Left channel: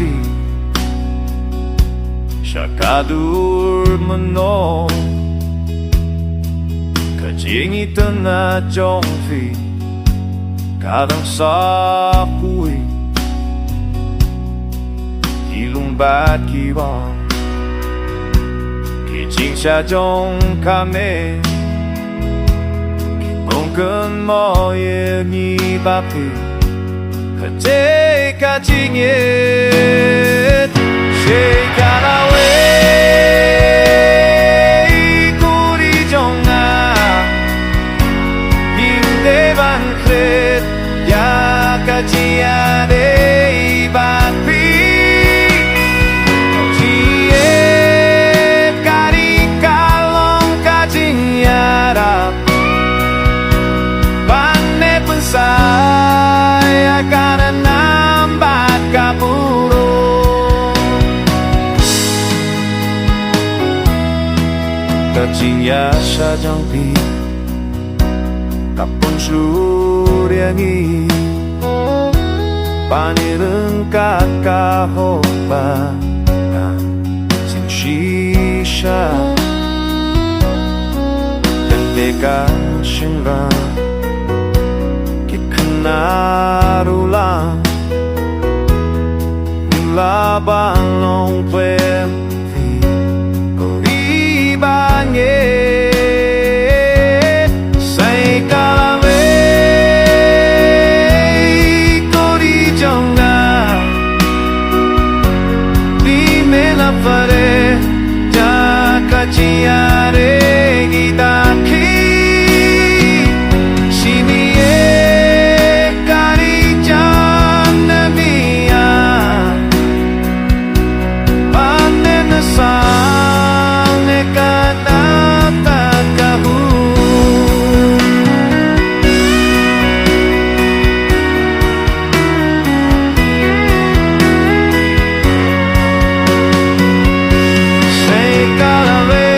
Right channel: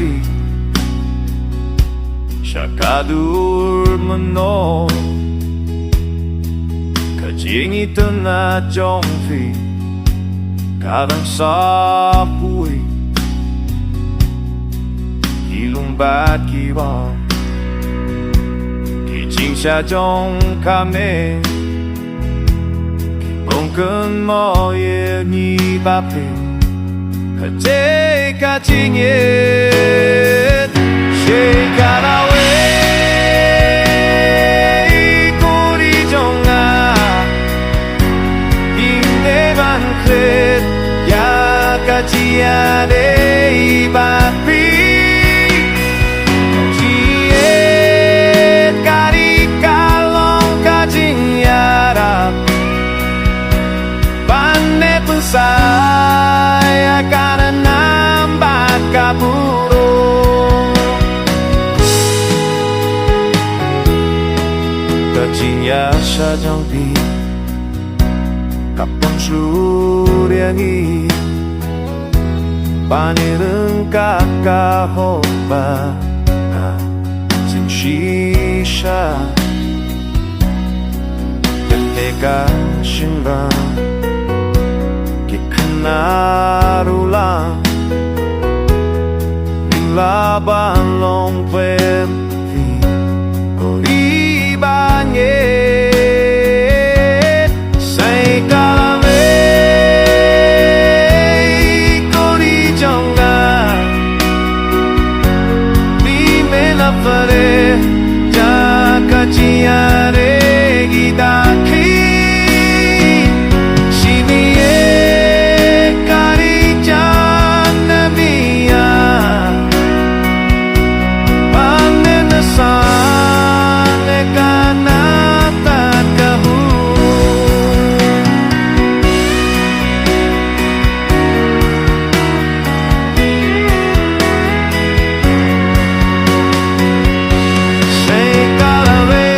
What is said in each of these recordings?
kasih Syakadur meno Kajingi tena jongfi Kadang sapui Hilung bat kibang Kijing xa jong kame Kibongken mo ye ni bapi Kajay kajingit Shake away Kuri jonga Hinde ban kret Ya kajia de bapi Jiet kari kalong kajing yarap Pane pensai akan nambat kapuro Kajing ya sajang pi Kapon suryangi Panireng kakahoba Sing shisha Gandeka shinra Kikenarulang Nilaban long pem vi Oribanyet Say kalave Kori jonga Dime la fare Jaka chiare gidaki Shiniye kari janamiya Panen sang kanata kahu Say kalave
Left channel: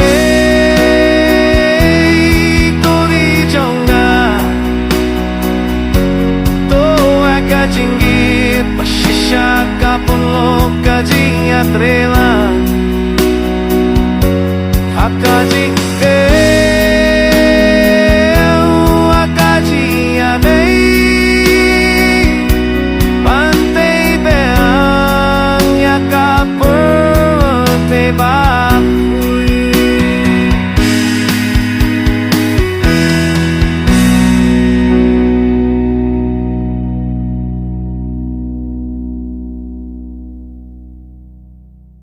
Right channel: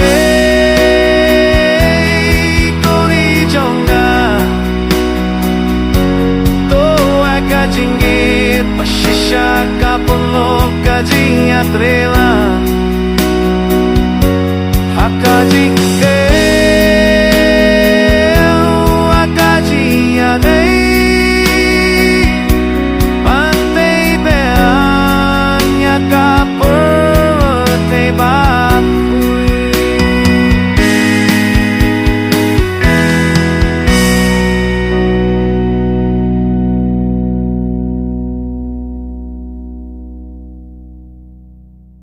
Kori jonga Kajingit pasisya kapulog kajing atrelan Akaji aday Pantay beang yakapur te ba